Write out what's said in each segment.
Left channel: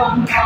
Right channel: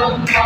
Inkhawmpui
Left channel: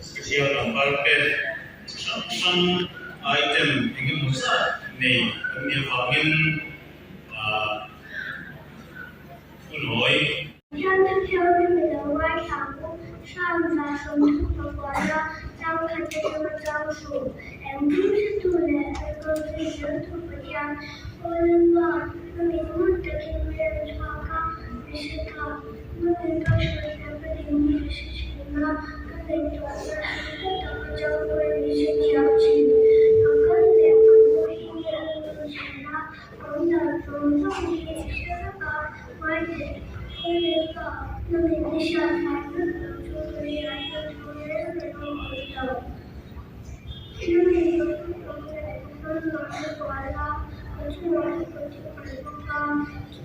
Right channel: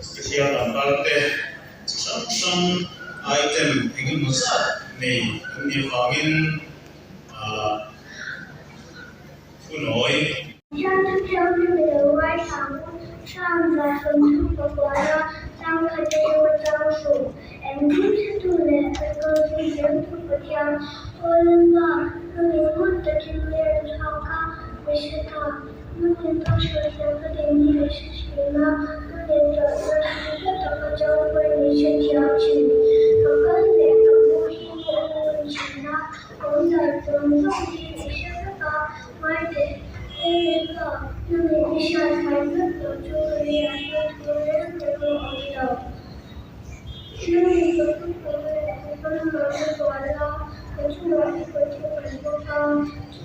special Madanrting some item ingin musa ni kami fangin punoi 这条日本的外场上在横冲的火热，当可见有招数，M是度的，而不是人土不讲，我人吧，那你们的经验超高，没事的，那你到时候个点你的事情呢，那你找个怎么教会你去调情，可跟两个不一样的情呢，我的总总体是个外的。 那你小孩子怎就会养个头人的狗的？那你不是狗的，不能拿着玩了，可是玩一个就玩不高，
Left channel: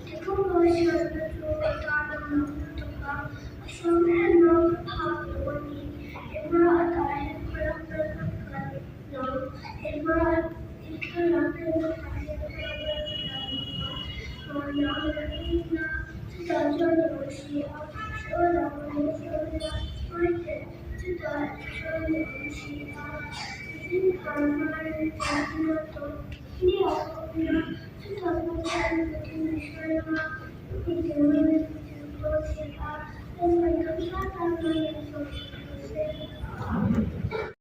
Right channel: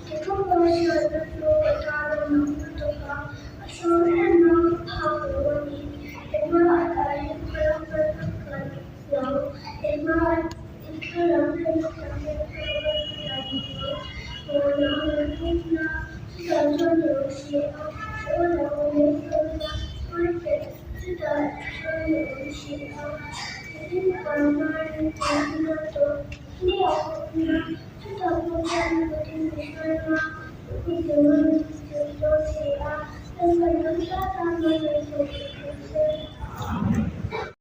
这个我小的时候大的能不高，小人能跑的问题，也不要打人，不要被人也不要一个人被人发现被人我能人呢？ 想做游戏，说了我没说呢，或者知道说游戏啊，你看妈人家那都聊呢，知道不看不听你说吗？你怎么能就游戏啊？根本能杀他们的就是可惜。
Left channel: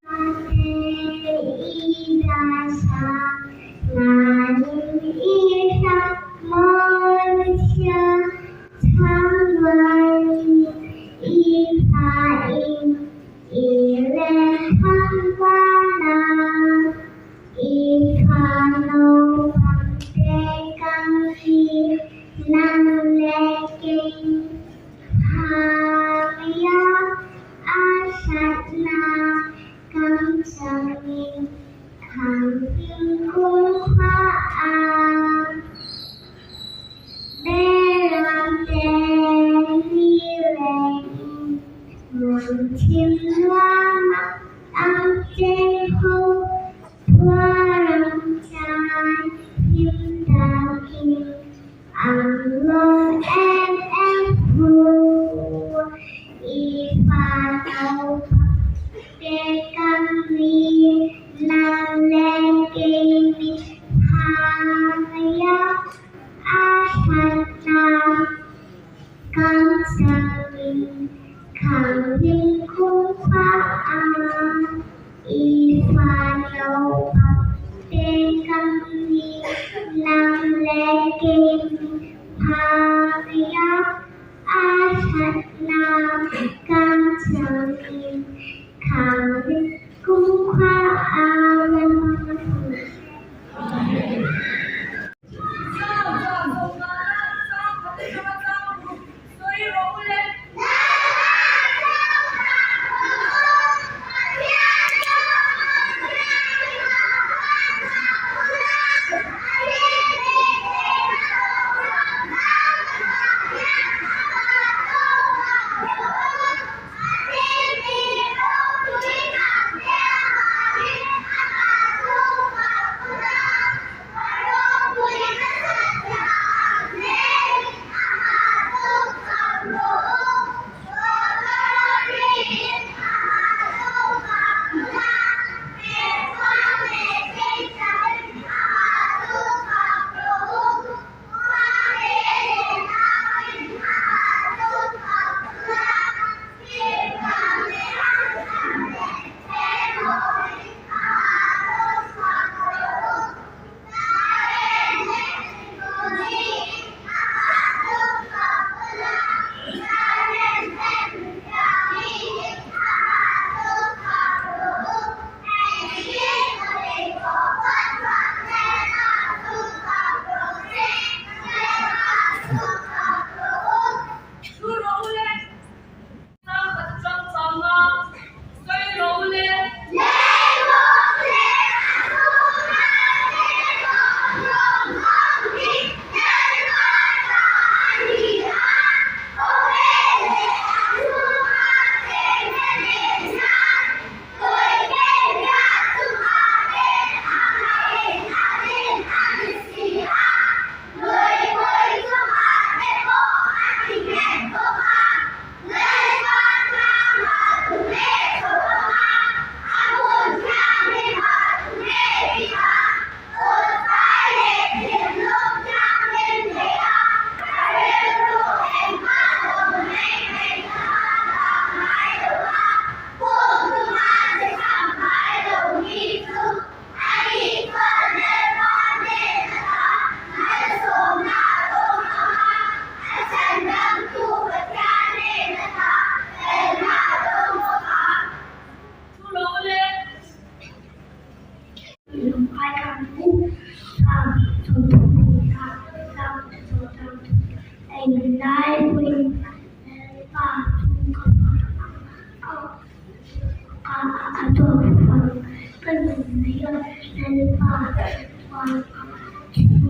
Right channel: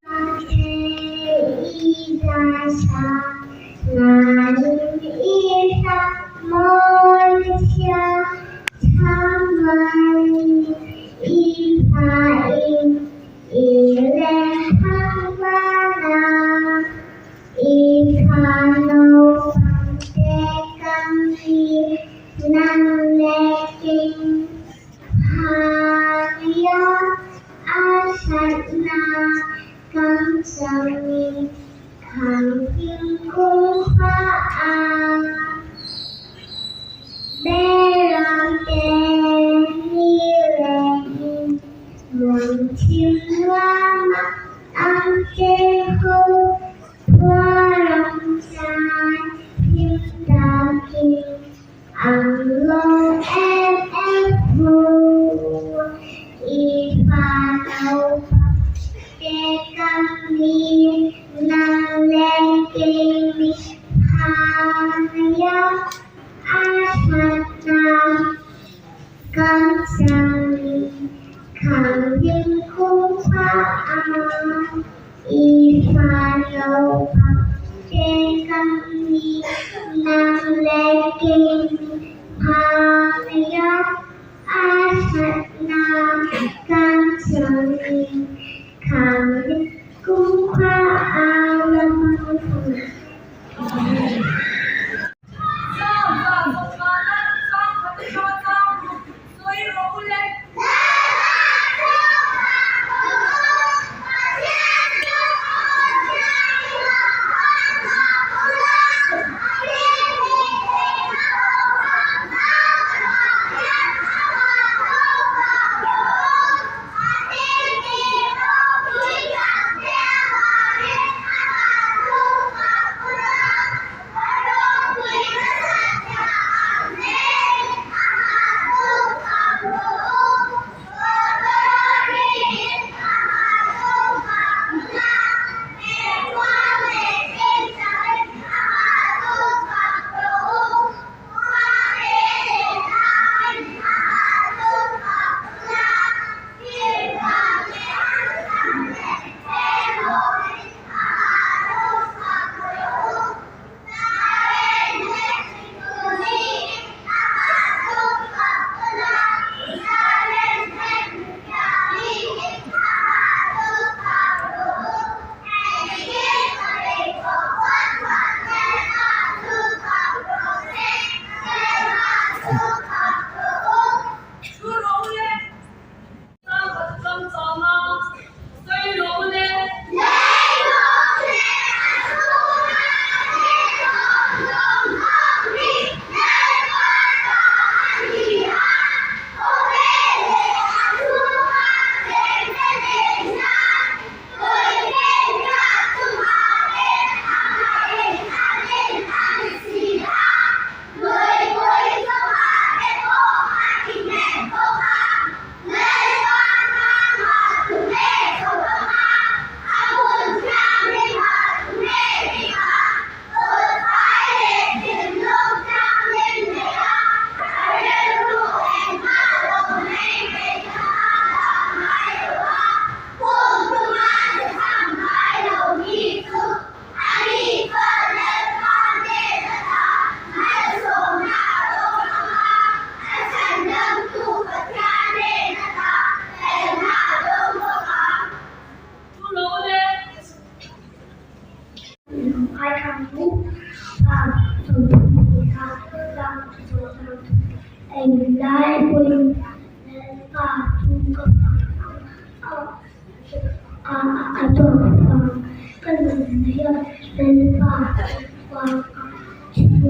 那天一大沙，那一沙梦想。 所以我不能。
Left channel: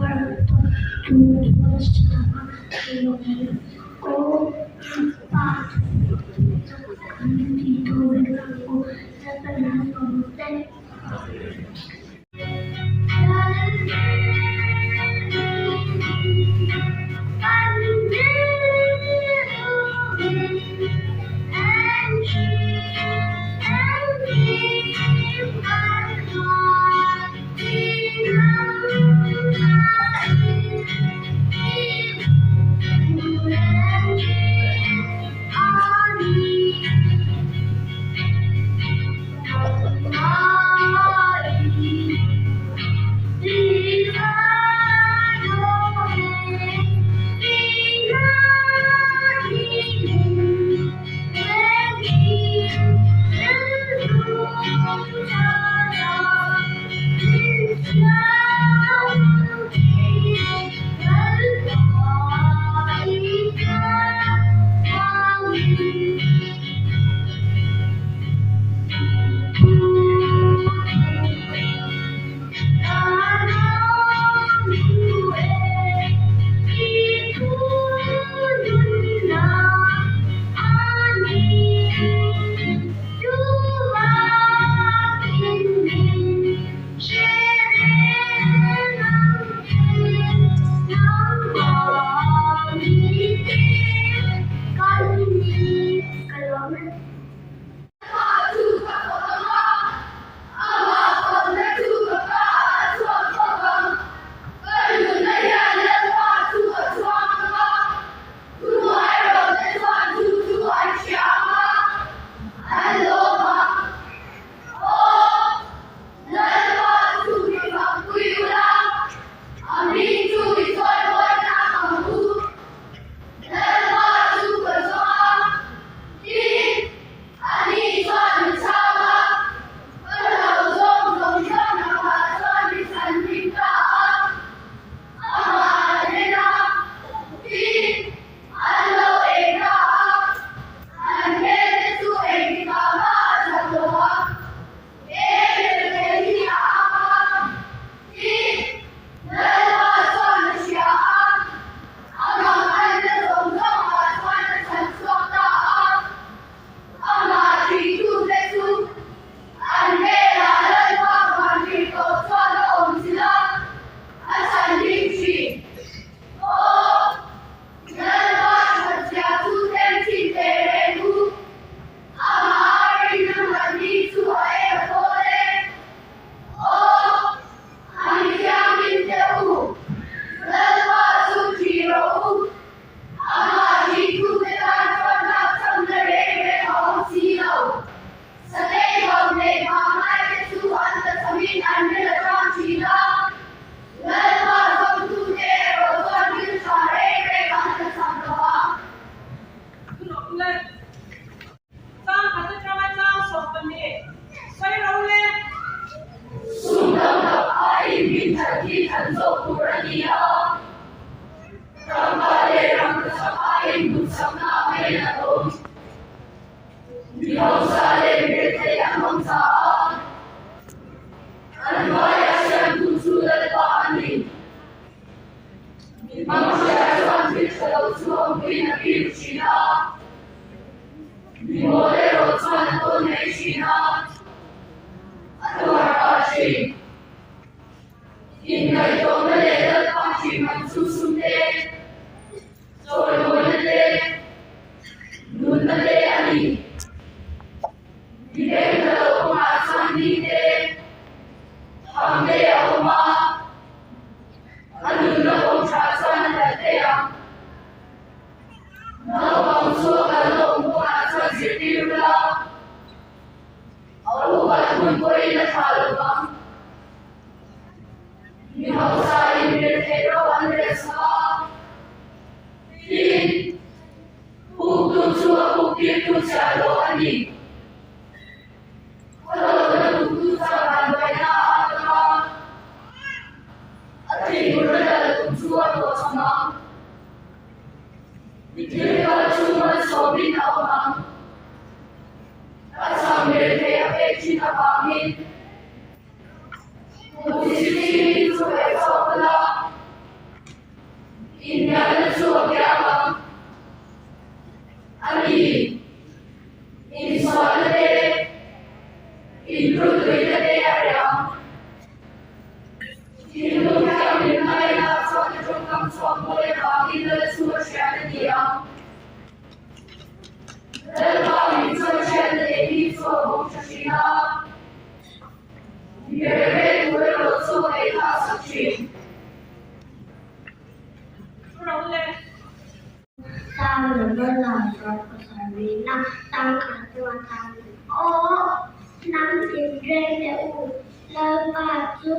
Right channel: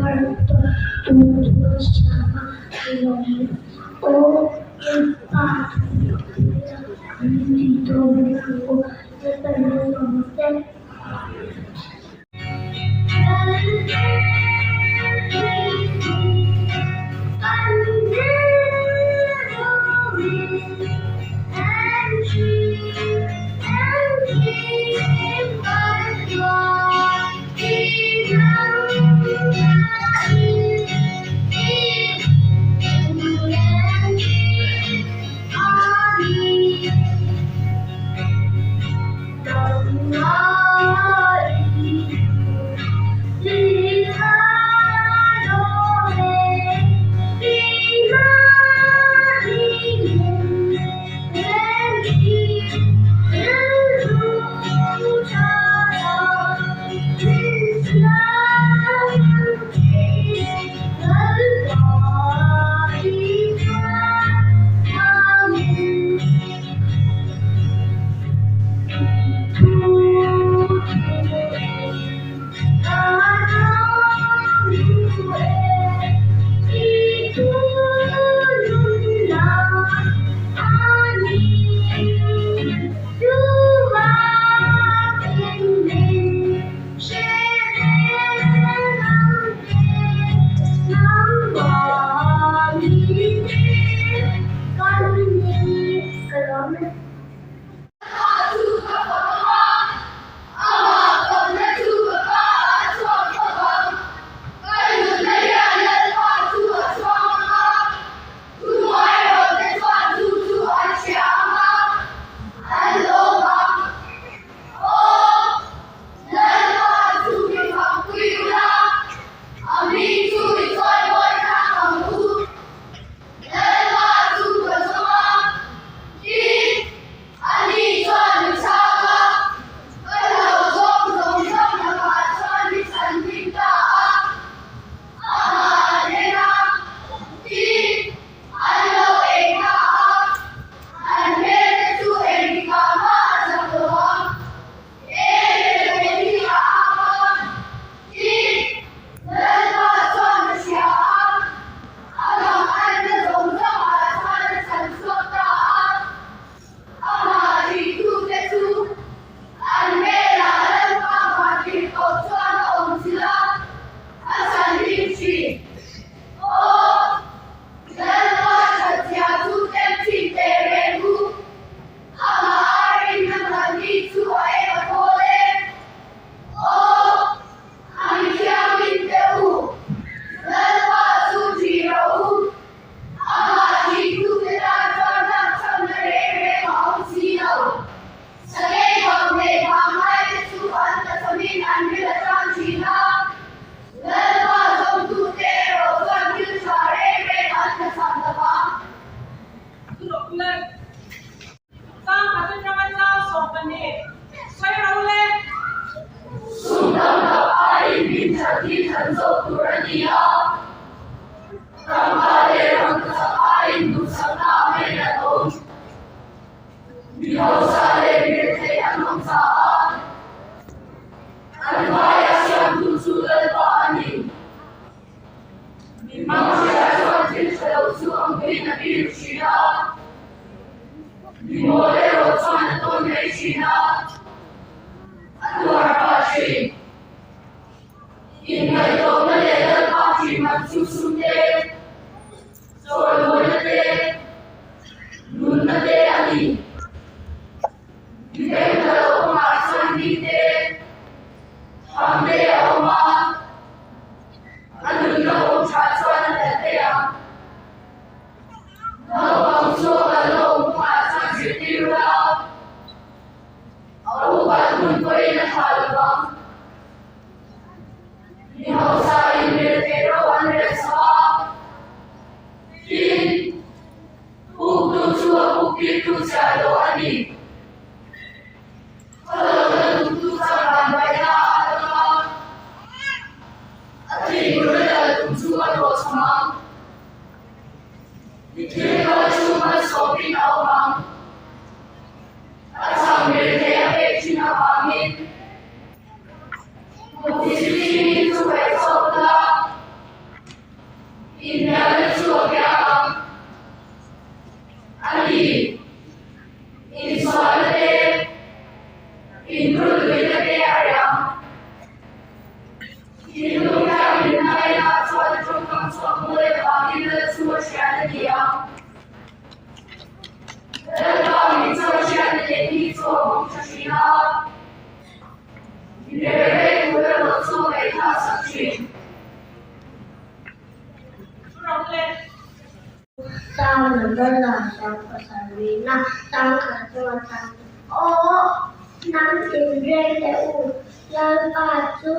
Parto tudo chama nome o impacto antido verbo dependente Madanrting pasarina tangkasuatan. Oh, nang tinjeng teu lepatu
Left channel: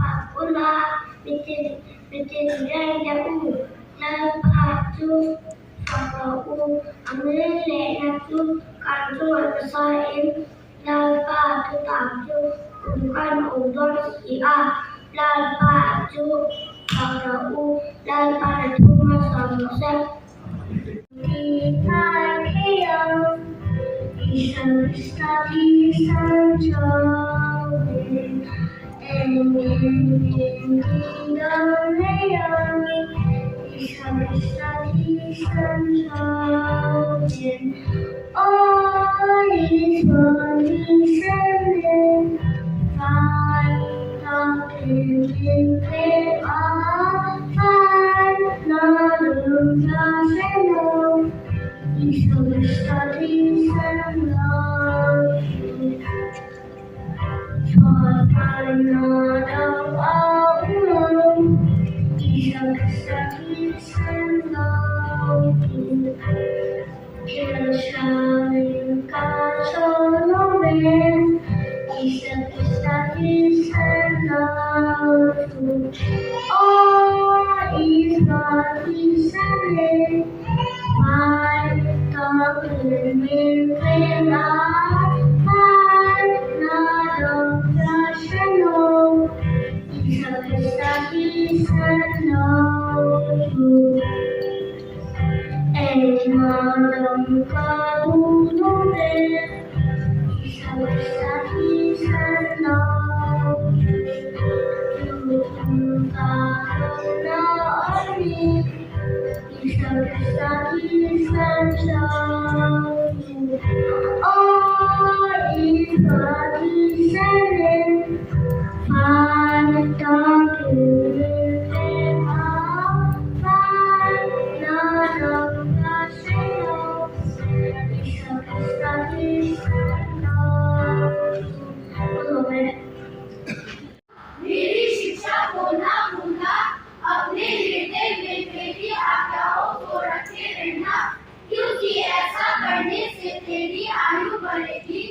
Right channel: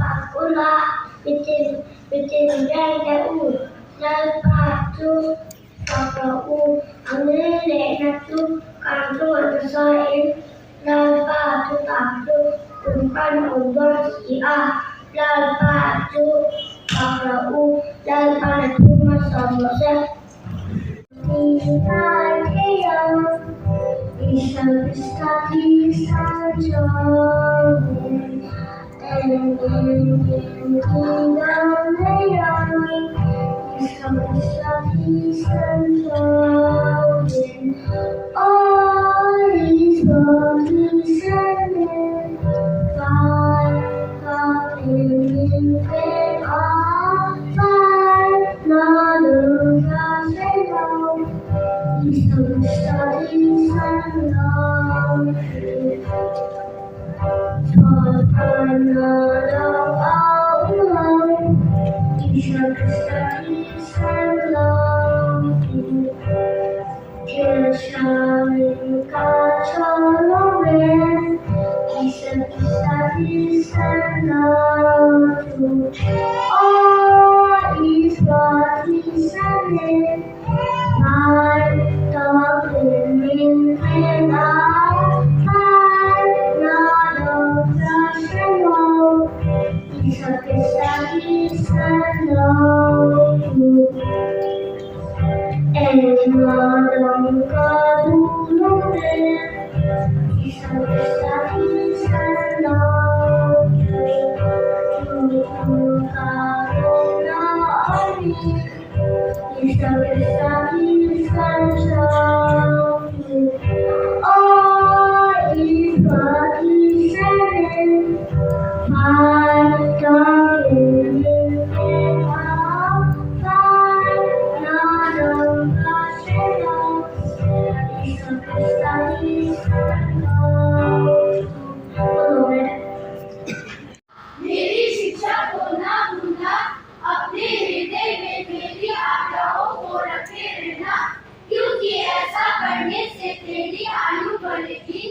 pakula bitin jeng teu lepatu pakau angle natu kantu sain lepatu tapu bukan ubor ia lepatu pakau lepatu masamose. Isa Kristati Sanjolin and in Galileo Isa Kristati Sanjolin all is what he sending find God in faith all find not of us know Isa Kristati Sanjolin for another all alone Isa Kristati Sanjolin Jerusalem Katolomen Isa Kristati Sanjolin all is what he said my darling friend my not of rational Isa Kristati Sanjolin Madam Kaduluren Isa Kristati Sanjolin karena amin Isa Kristati Sanjolin all is what he said my darling friend my not of rational Isa Kristati Sanjolin मेरी शिक्षा को ना भूलना अपने हृदय में मेरी आज्ञाओं को रखे रहना क्योंकि ऐसा करने से तेरी आयु बढ़ेगी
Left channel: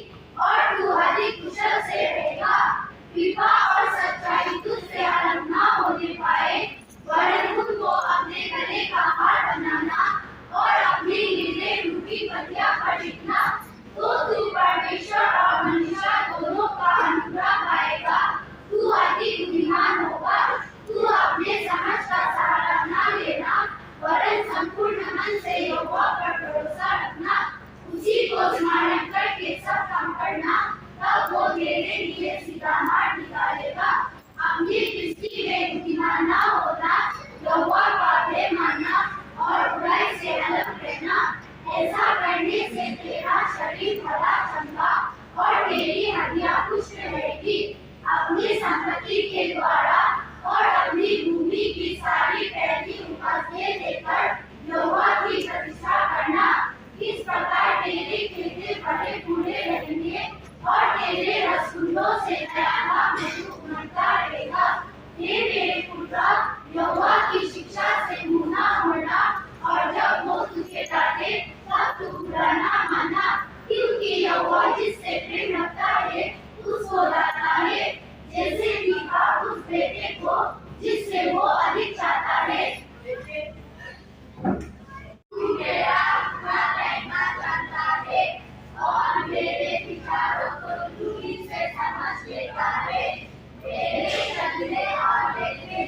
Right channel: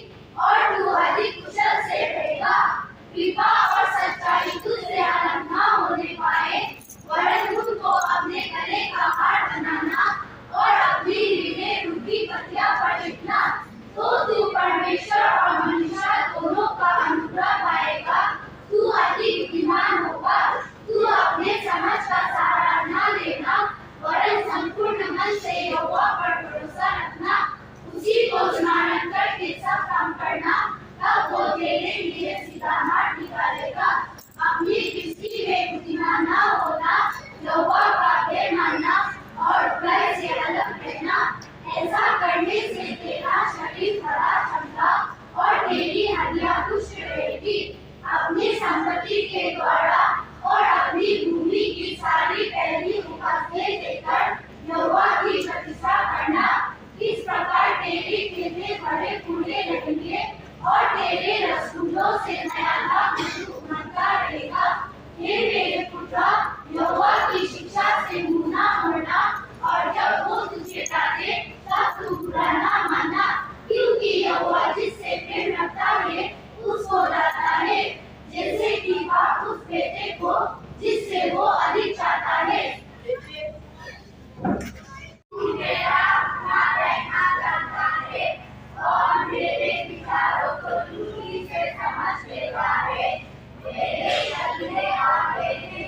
और तू अधिक कुशल से रहेगा कृपा और सच्चाई तुझसे अलग न होने पाए वरन उनको अपने गले का हार बनाना और अपनी हृदय रूपी पतिया पर लिखना तो तू परमेश्वर और मनुष्य दोनों का अनुग्रह पाएगा तू अति बुद्धिमान होगा तू अपने समझ का सहारा न लेना वरन संपूर्ण मन से यहोवा पर भरोसा रखना उसी को स्मरण करके सब काम करना तब वो तेरे लिए सीधा मार्ग निकालेगा अपनी दृष्टि में बुद्धिमान न होना यहोवा का भय मानना और बुराई से अलग रहना ऐसा करने से तेरा शरीर बड़ा चंगा और तेरी हड्डियां पुष्ट रहेगी अपनी संपत्ति के द्वारा और अपनी भूमि की सारी पहली उपज देकर यहोवा की प्रतिष्ठा करना इस प्रकार तेरे खेते बड़े फूले रहेंगे और तेरे रसगुल्लों से नया लाभ उमड़ता रहेगा हे मेरे पुत्र यहोवा की शिक्षा से मुँह न मोड़ना और जब वो तुझे डांटे तब तू बुरा न मानना क्योंकि यहोवा जिससे प्रेम रखता है उसको लाता है जैसे कि बाप उस बेटे को जिससे वो अधिक चाहता है तू मेरा अपना रहना जानता है और मेरे विचारों को दूरी से समझ लेता है मेरे चलने और मेरे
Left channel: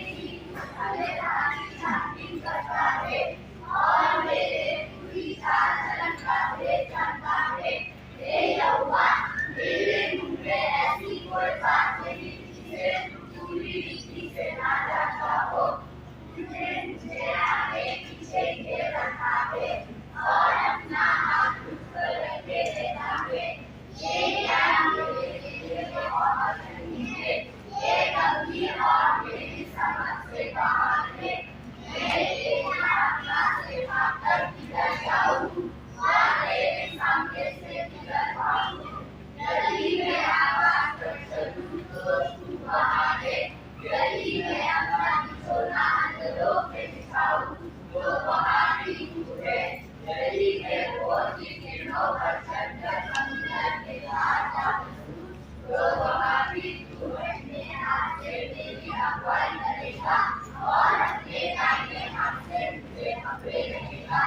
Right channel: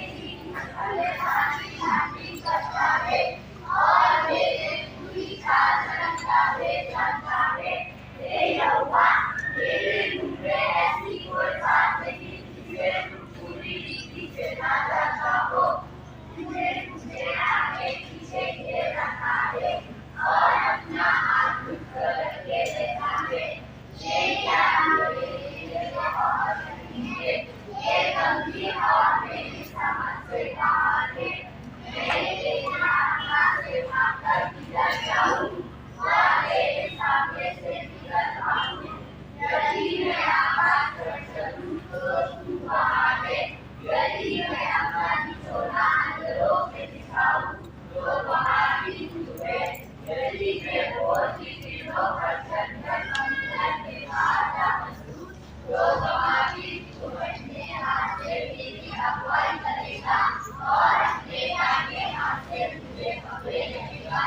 और अपने दाहिने हाथ से मुझे पकड़े रहेगा।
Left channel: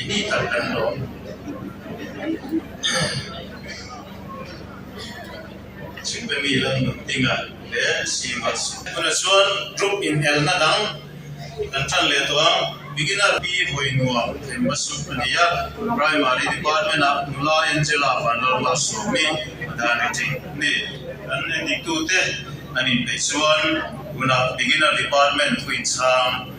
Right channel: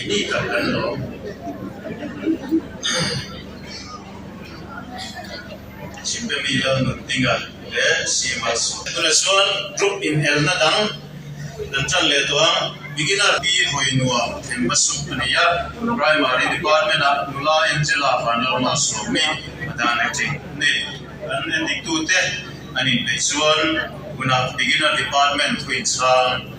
Ini kan lo Sipemilan tinggal le simas. Tunasun group in el nadang nantan le tuang beginner bi hoinua masuk ania primary department of nula Angela normal somi Madanrting ni an dikute anin pesuan guna beginner department twin sang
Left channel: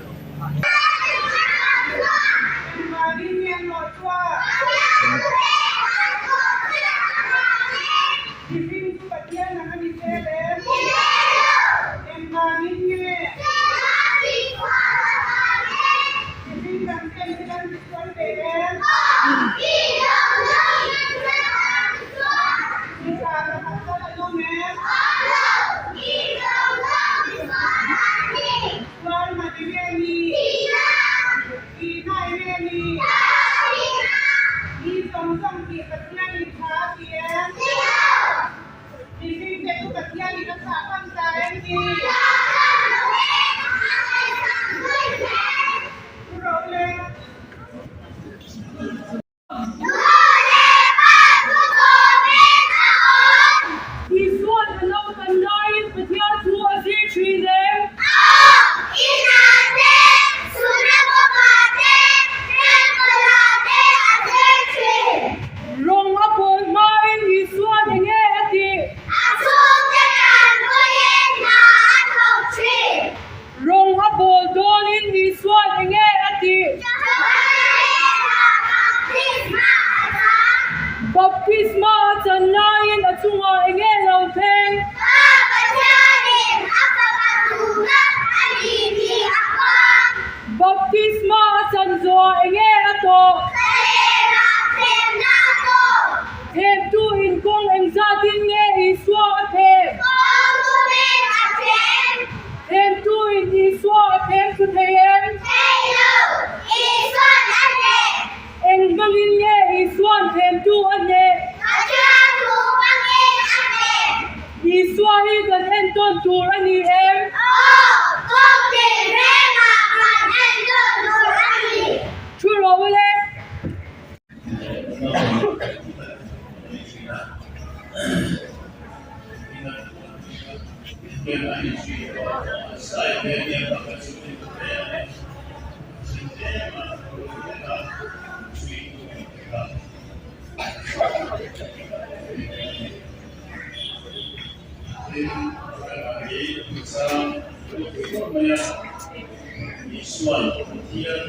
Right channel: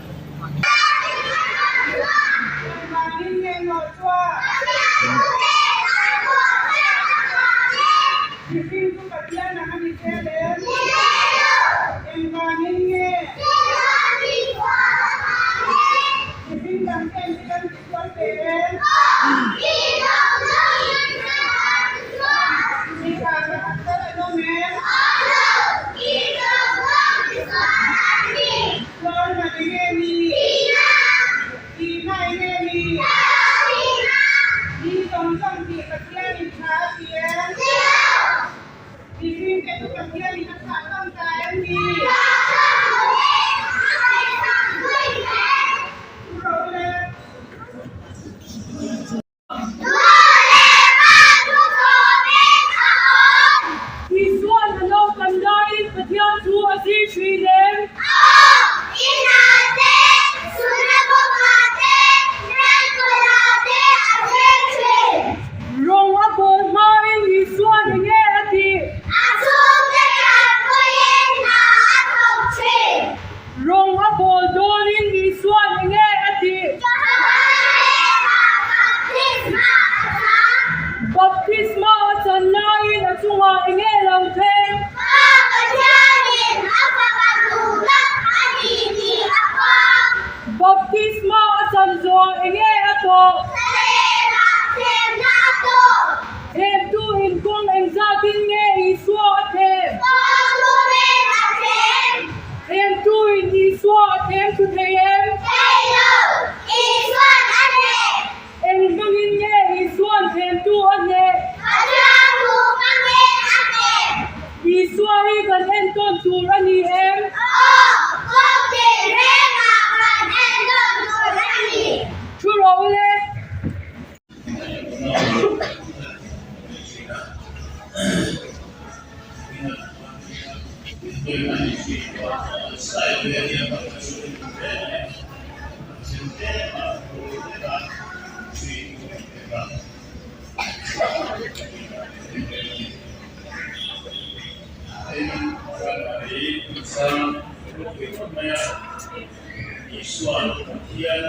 ส่วนเทียน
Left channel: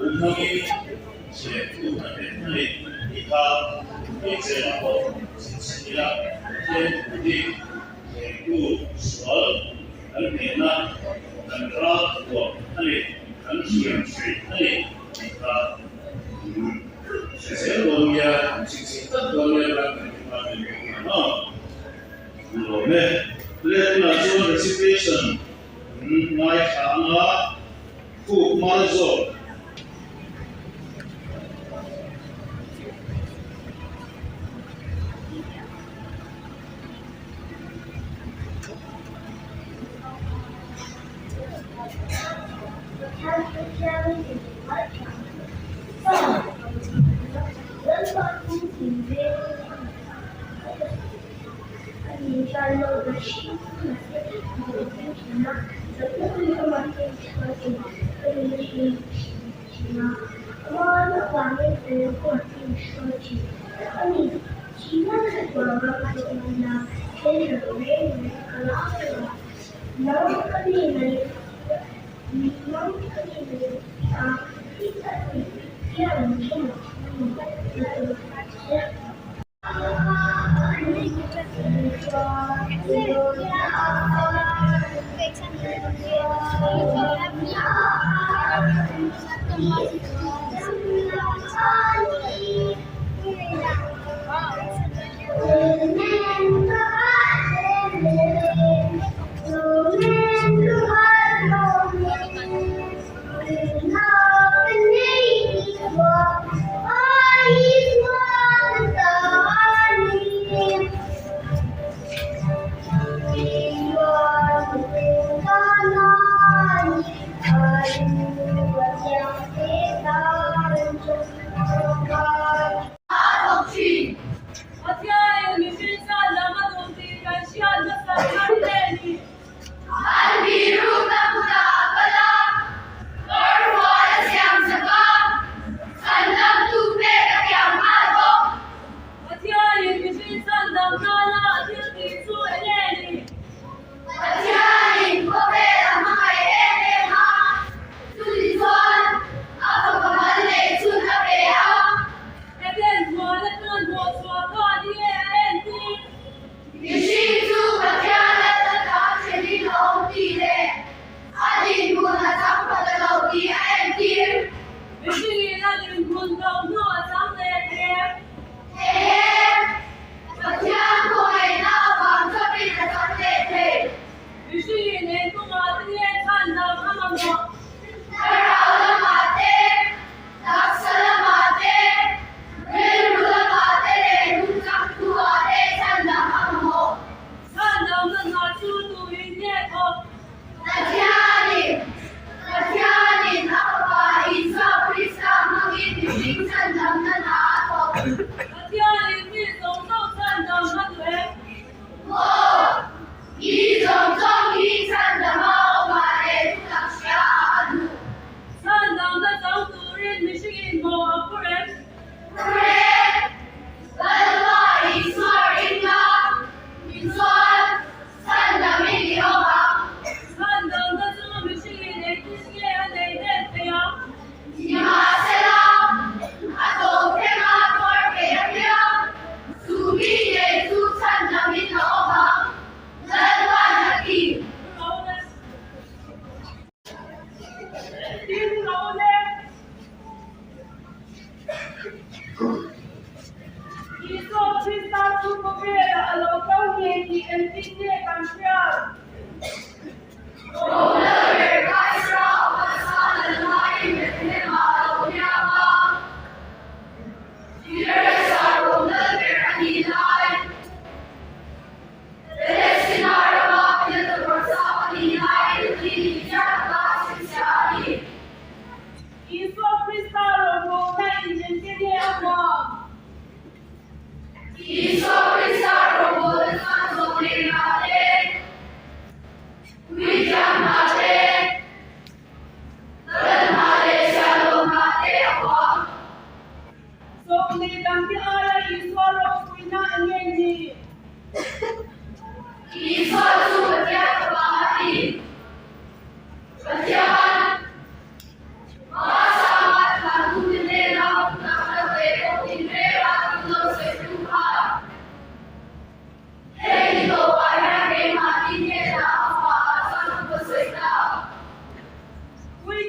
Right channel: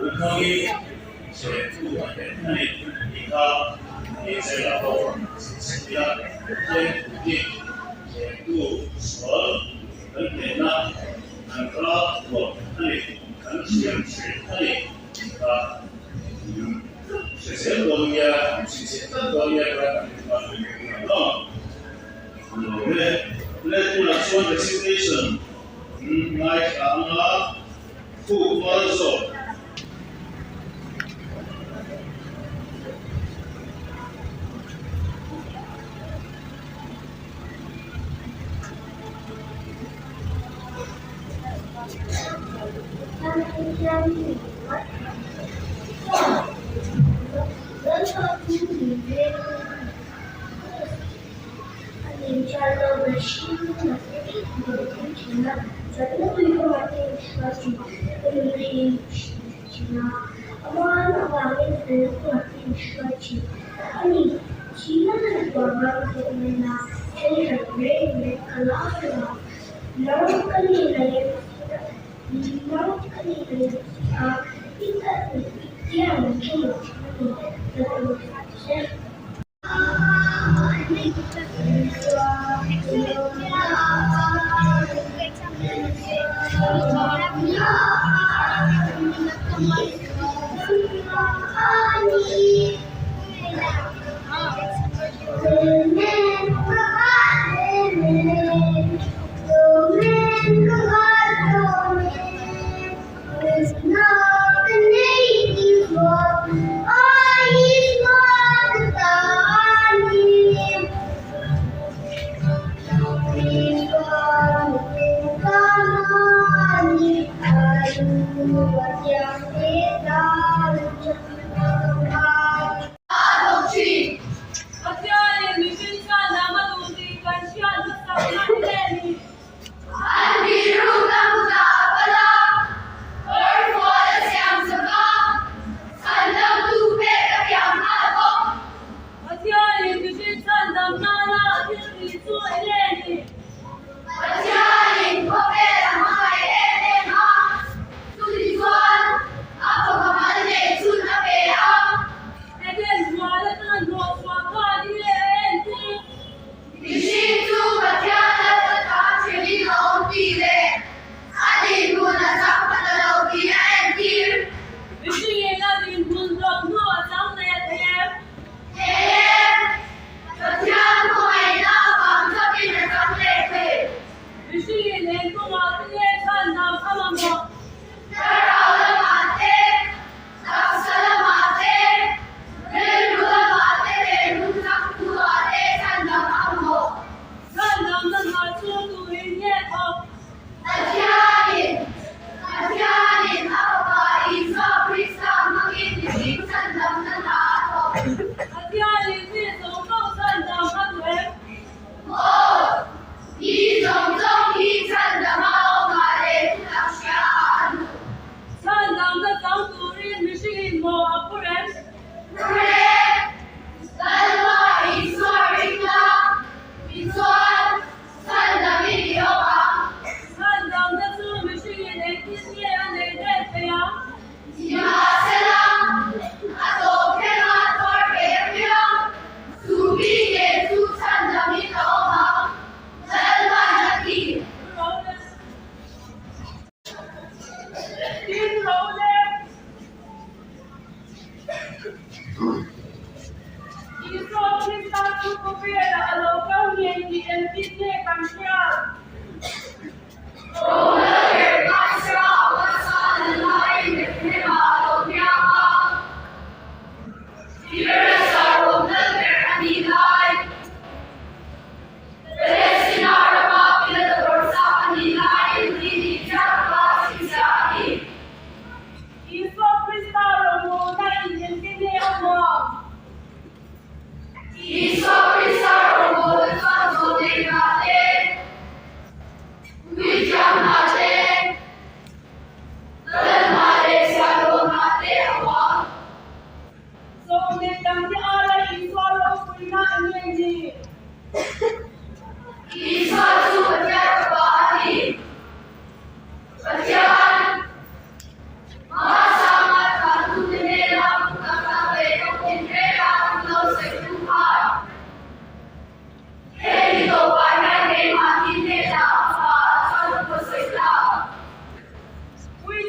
อุทมิเชตุอันเป็นนิอิกาเอเจลาโอสิสิยาเทียนอุดิเชตุสวลอันเป็นนะอันราตัวอันนี้อันเชียนชีอันนี้อิกาเชลวันยาสิสิตัดวันยากันกันเป็นนะโลเมlet us one recitation mai khanga fu marzo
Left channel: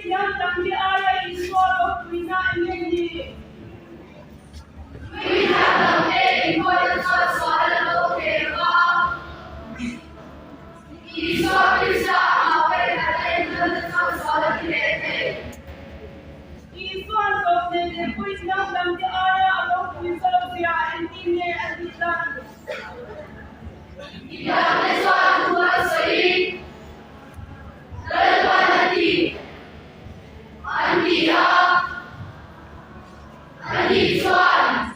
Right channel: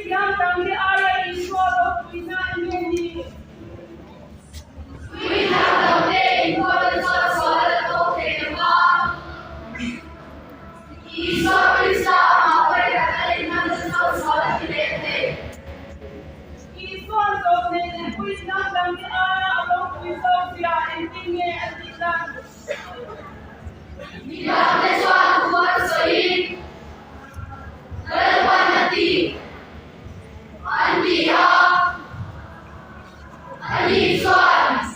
Inkhawmpui area in Inkhawmpui na.Part. We have the main importance of solar tema. Isa bisa apa kata yang solar kita. Iswan of the Inkhawmpui area along with Sophia and Inge and Island. Tidak sesuatu buat soi. Madanrting. Bial. Iswan.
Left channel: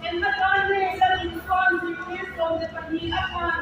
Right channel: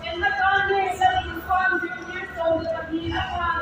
And the country is responsible from the Bial.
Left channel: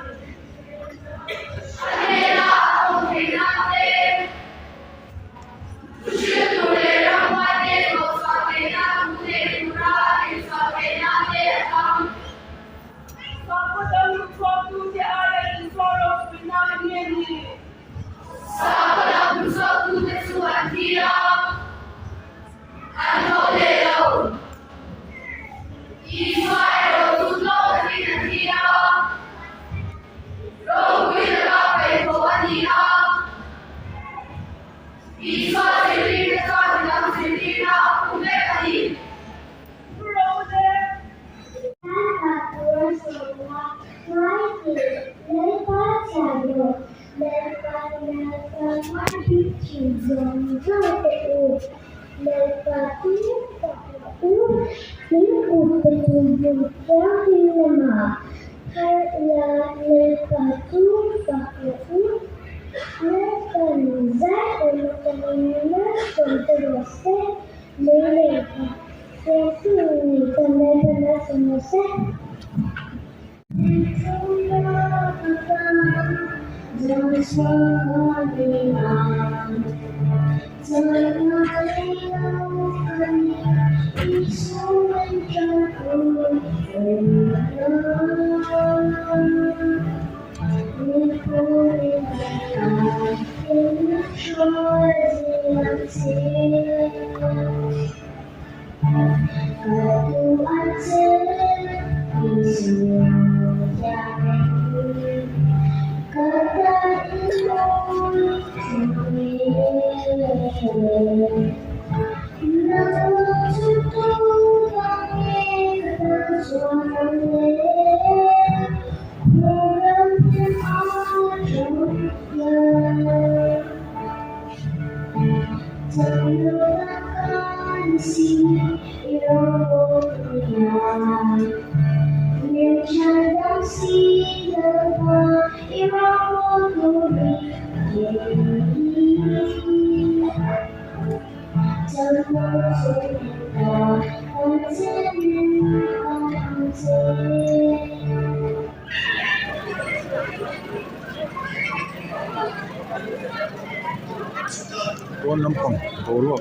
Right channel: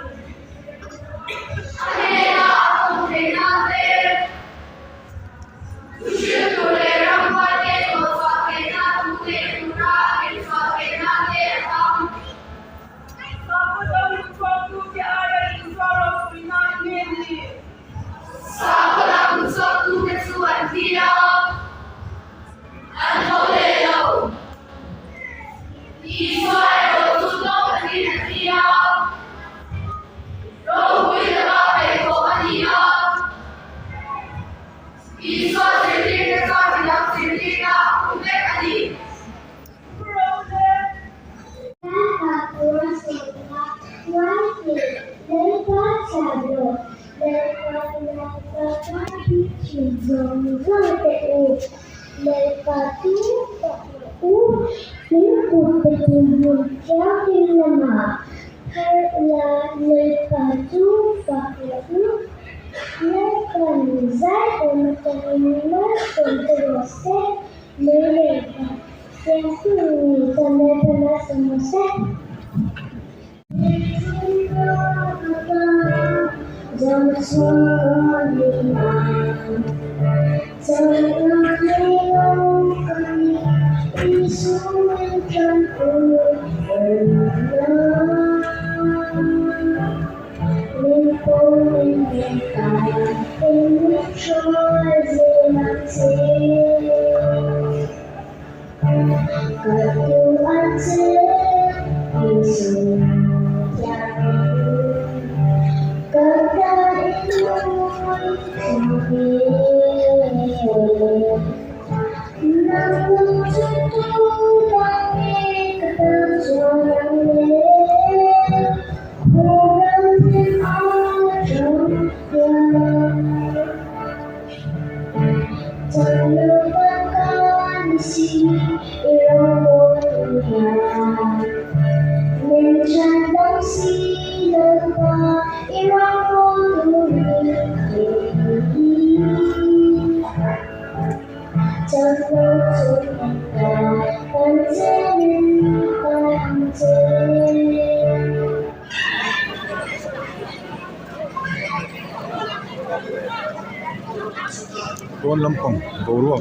Tuan lampang boruak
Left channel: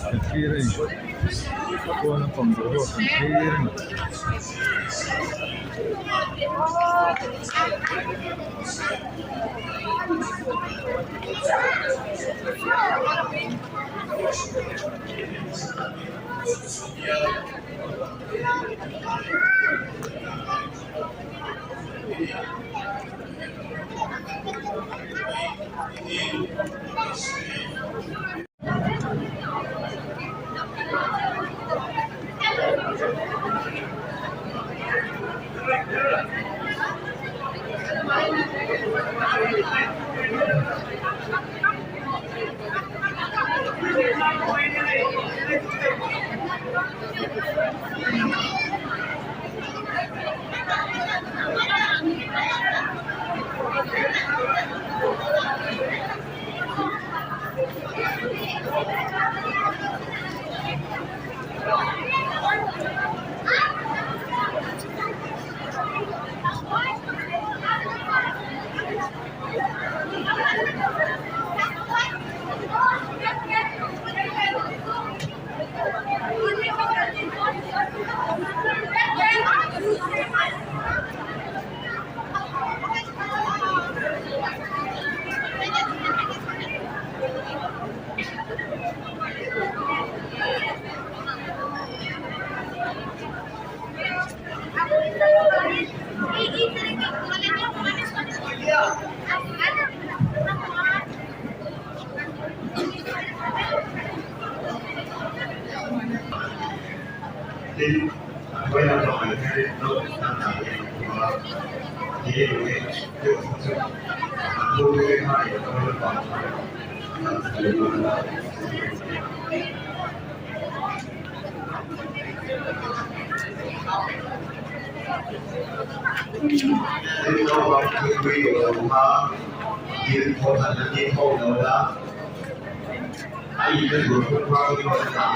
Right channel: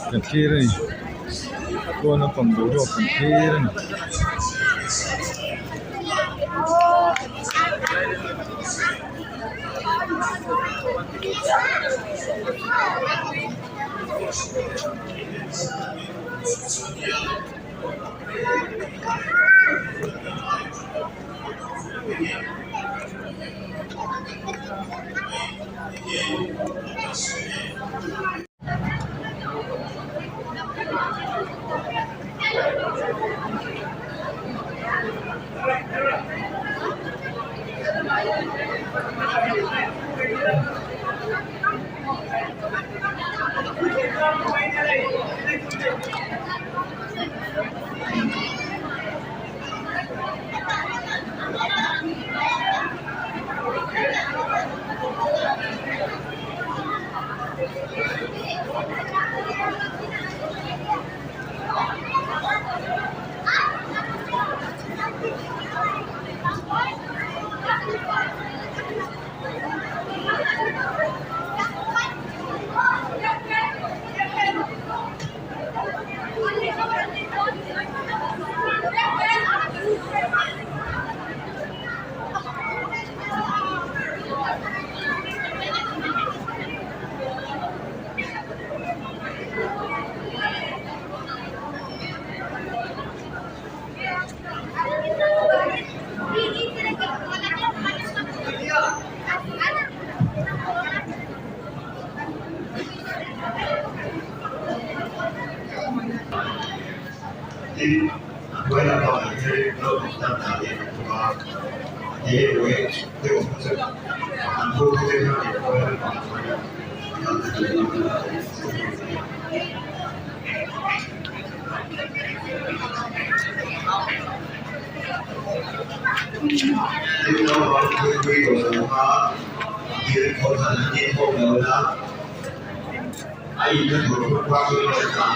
kan kiri ni. Tuan lampang boruak kan kiri ni. tin với là tòa cái nó đang tạo hiện và thế với tiêu không sự vô cái hai với là tòa Thế nó có cái quy của màยืนคนหันที่พงเลยนะไอ้ที่ถูกว่าคือเราทำ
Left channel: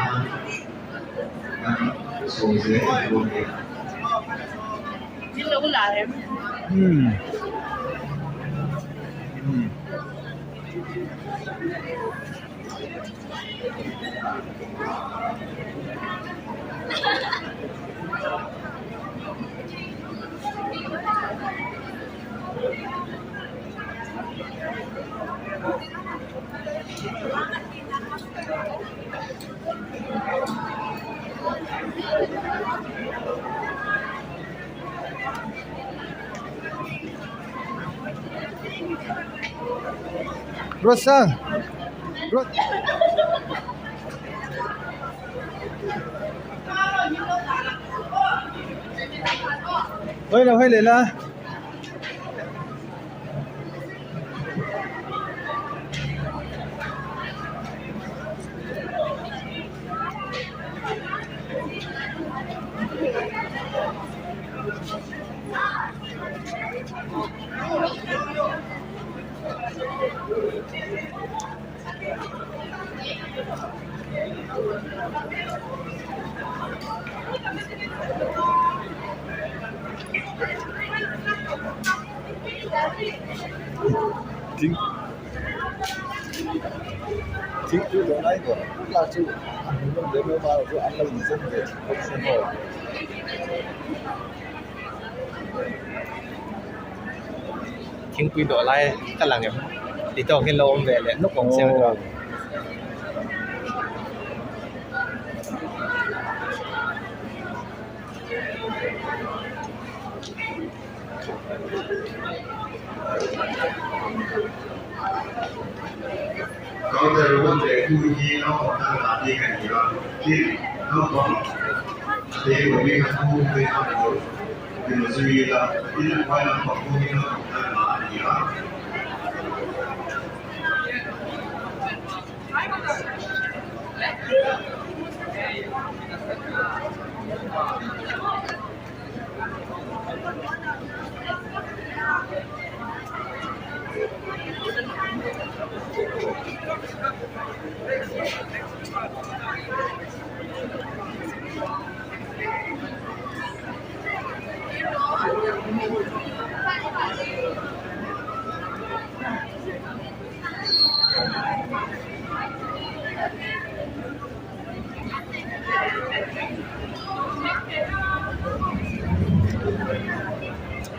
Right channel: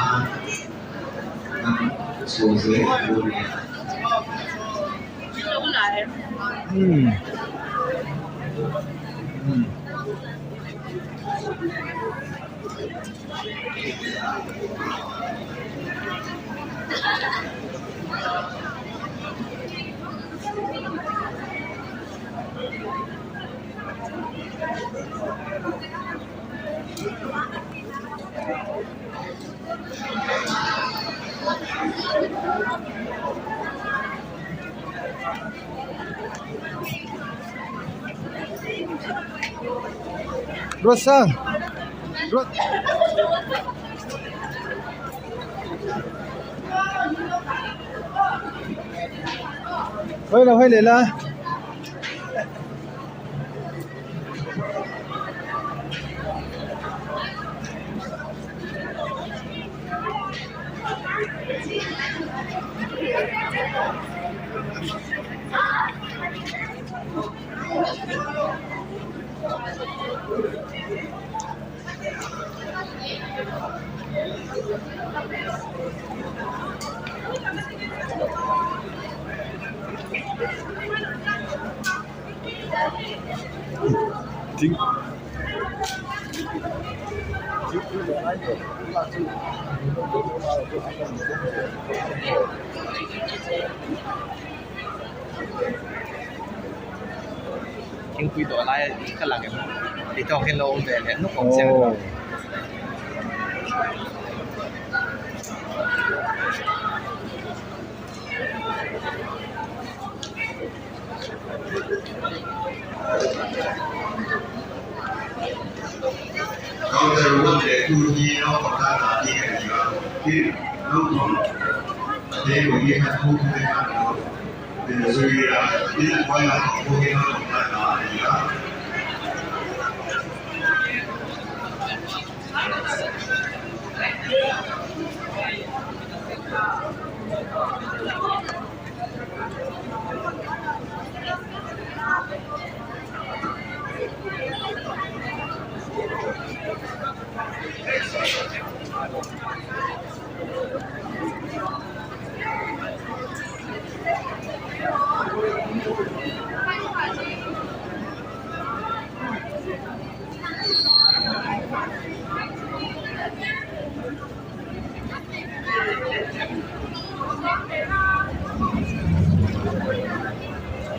ส่งเสียงดูเนี่ย รถสั่งรถเฮ้ยเราให้เลยนะทิ้งคืออะไรก่อนล่าสุดเดินมาคืออะไรอยู่เส้นเดียวทิ้งคุยต่ออะไรกันหลังเนี่ยติดจอเห็นเราแบบเนี่ยนกของเสียงก่อนเขาจะรู้ว่าเด็กผู้ยี่น้องของท่านที่กันดีว่าที่ลูกของเด็กคนนี้เขาพูดได้ทำเป็นสุริยะที่คอยมาของผู้ยี่น้องของท่านดีว่า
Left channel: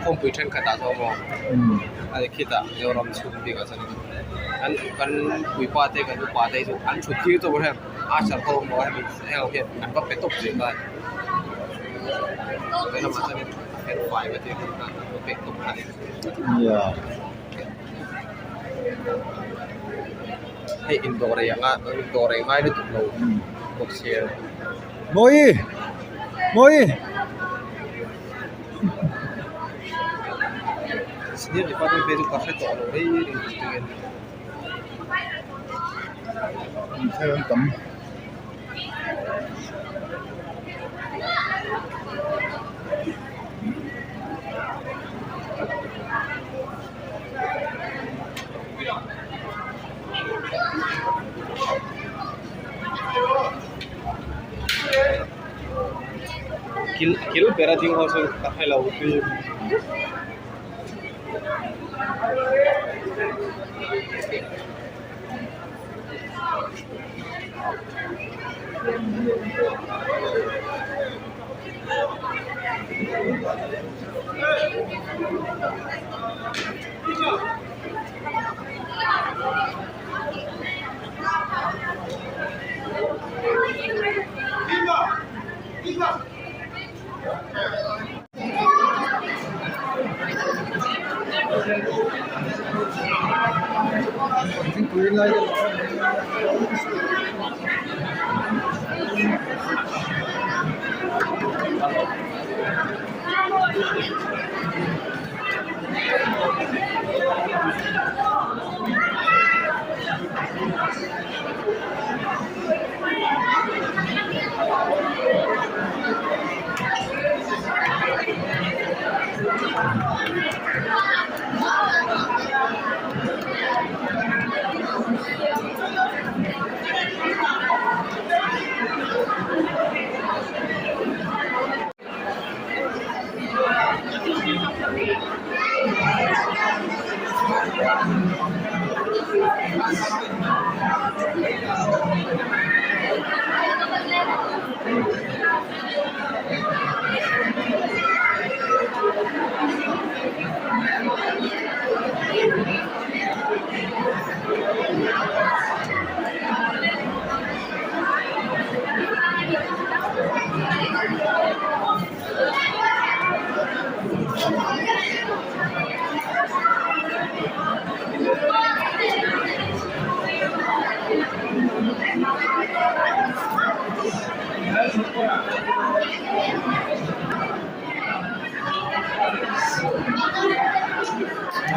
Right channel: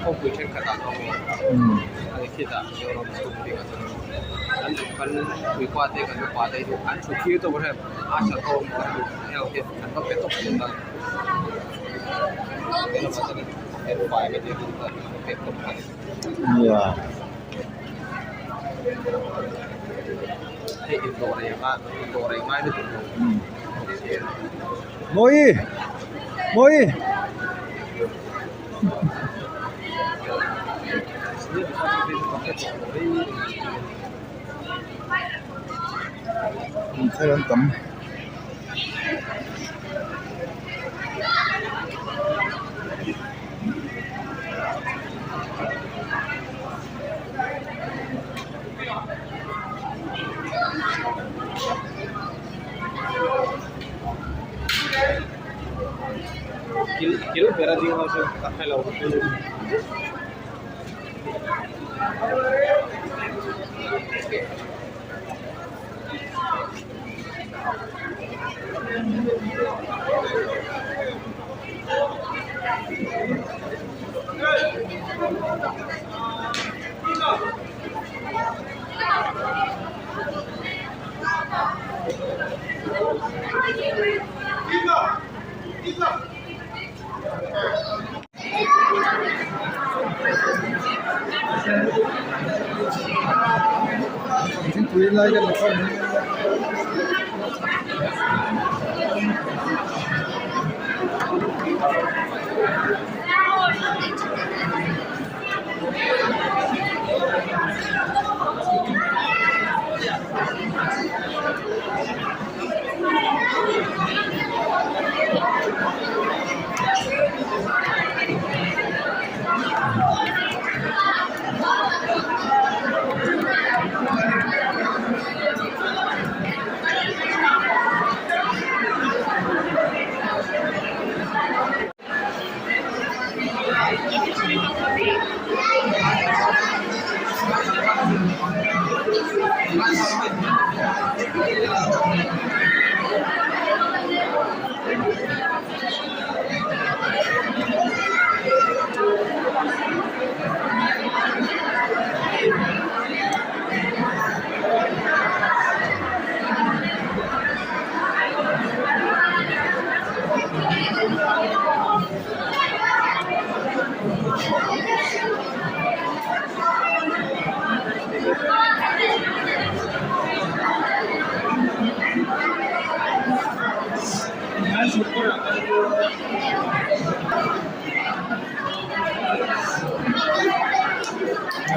콩불 탱크 나서고 아니 키다 여러 수비가 저는 안 위과대 그 과대도 안 좋기도 해 아샤도 뭐 하면 이렇게 안 밖에 또 된다 그래서 맞아요เป็นไฟก็จะเป็นเป็ดตกไข่ให้อินโดเรียก็อินโดเรียง่ายด้วยตัวตกเชียร์โมยDia dipakai baju kafe kalau ini Thailand tắm kilo berat yang masuk kafe laut itu Chính quyền lại cái là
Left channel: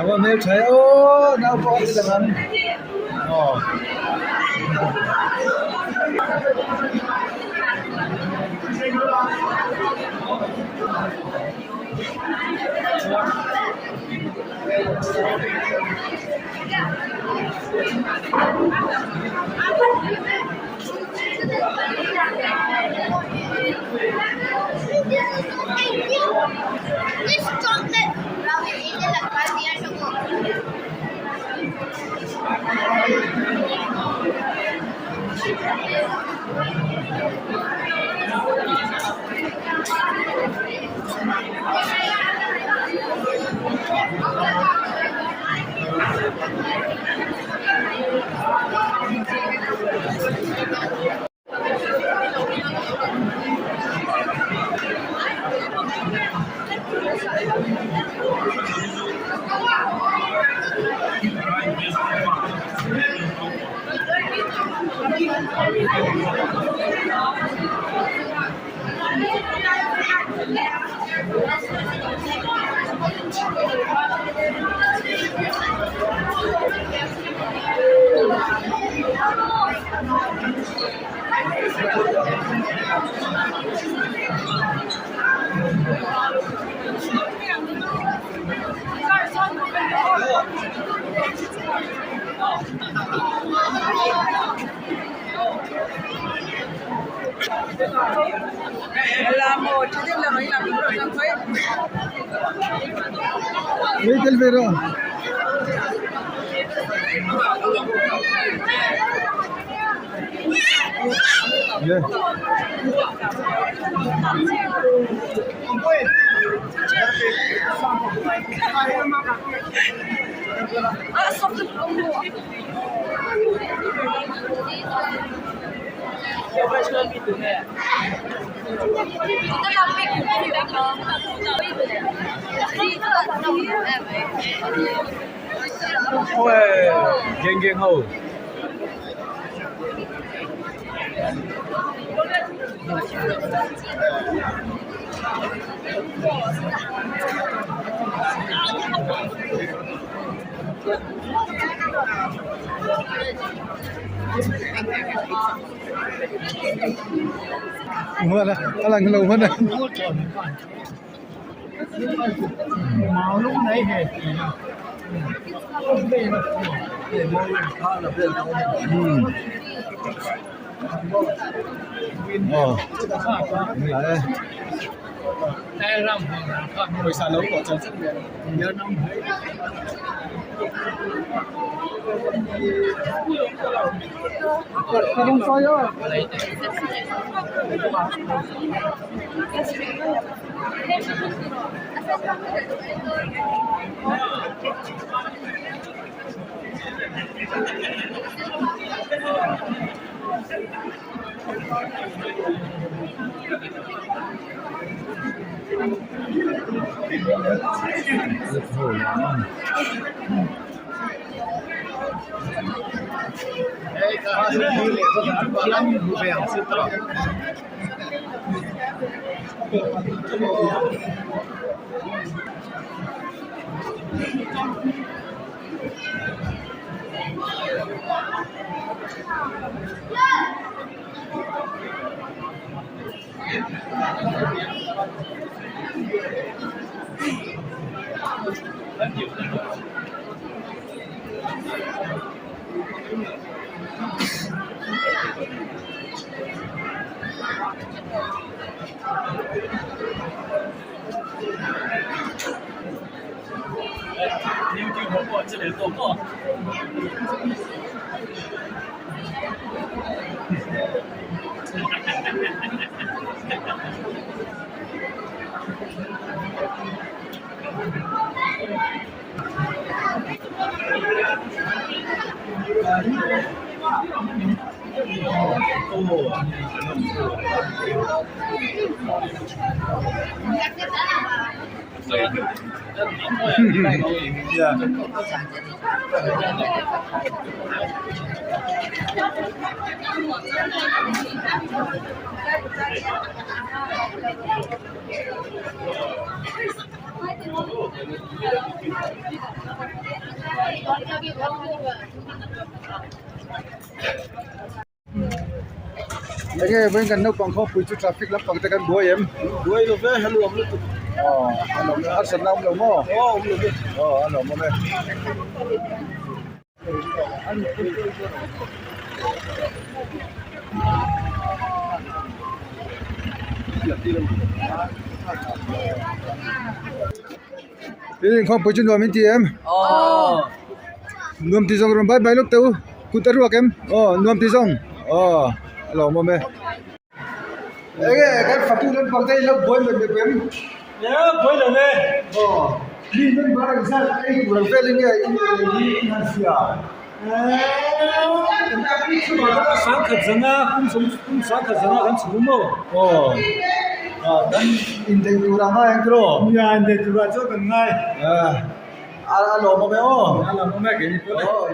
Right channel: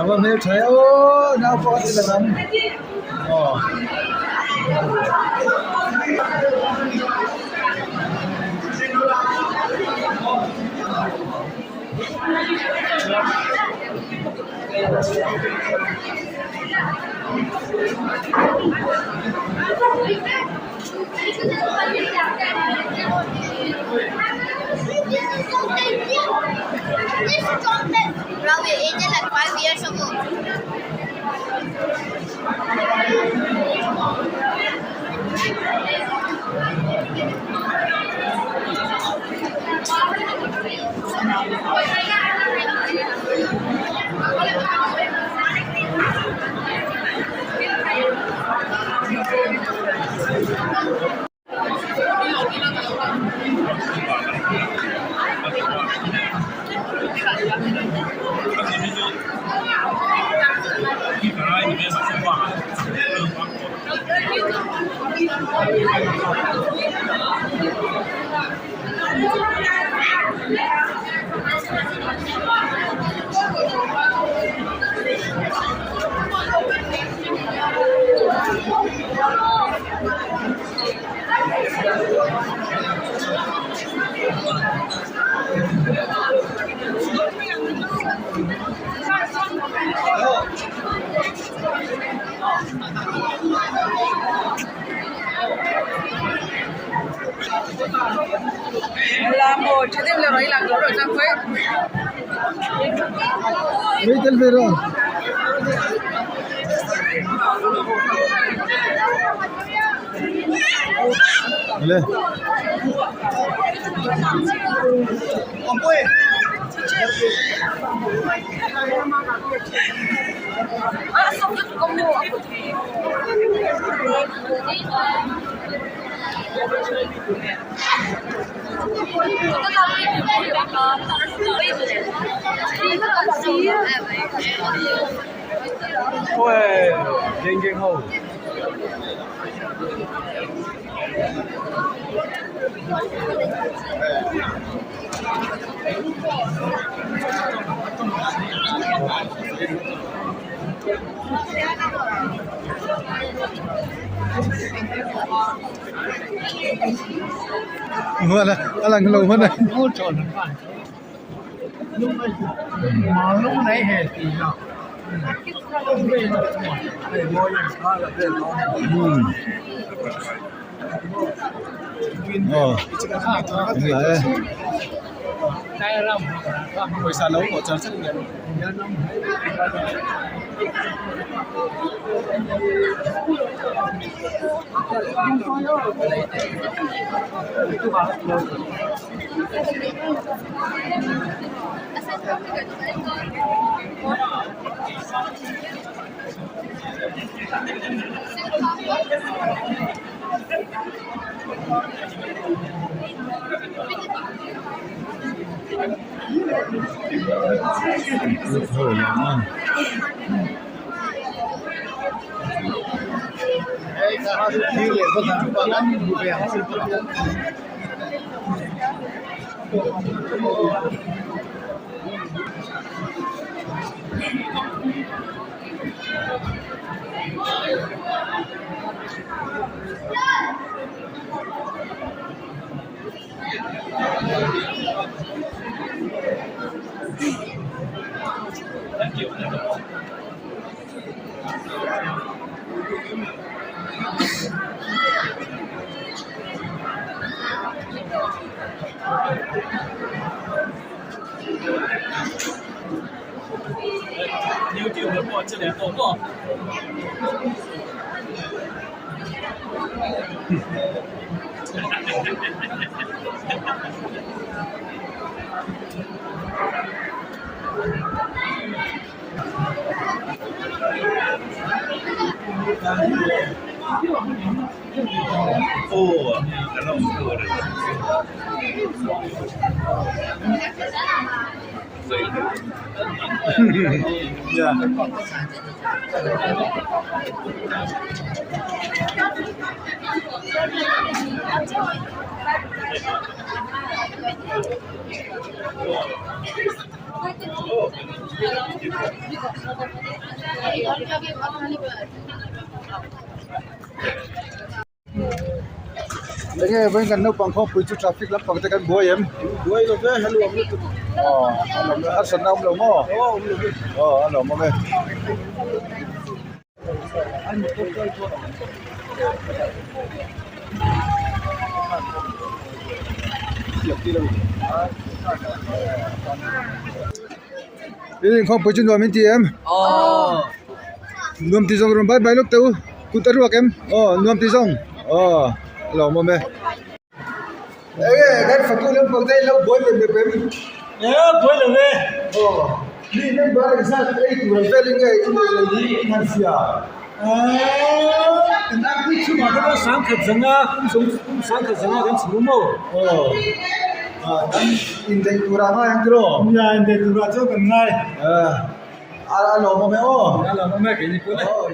Apa mel saya oh na.Part itu kan oh This chocolate vawi age like 5 years ago. làm một chứ tiếp là mấy làm đúng rồi cho quấy. Mấy tên về rồi lên Xong rồi con mua. ôi ghen ghen hầu Hứa là cái lầu hơn này. Mà lúc nãy hè thì nào không về được để môi làm sao là về nó Đúng lại đây. tay ra hồi xa lâu của cho rất nhiều nhớ năm không sao đâu Hồi lắm. Hey, cả đi lễ có thể bảo ăn vui vẻ xin tốt. YouTube 的过，这里做过。哦，很弄错的。Yeah. Nghe với gần đâu bằng không phụ trách traffic lắm bằng tay căn búa em búa luôn đấy hello ông luôn anh ông ăn sẵn ông đâu mò anh ông mò ini không phụ trách nuôi mình em nuôi tí rong rồi bye bye lúc tao cụ tao ruột em nuôi tí rong hello mò mẹ cái phát tu lên bằng tay lâu bôi mình bếm Yeah, bôi lên đây. Đi lên bờ cái sao cái tụi về lên cái đi ăn xia Chúng ta đi chung mà nó sáng khẩn dân cũng sáng khẩn dân gần chịu mồ. dan indai kurang yang kero Ya, ini tu raja kan ngai. alo mò mẹ Kalau mau makan ini pun. oh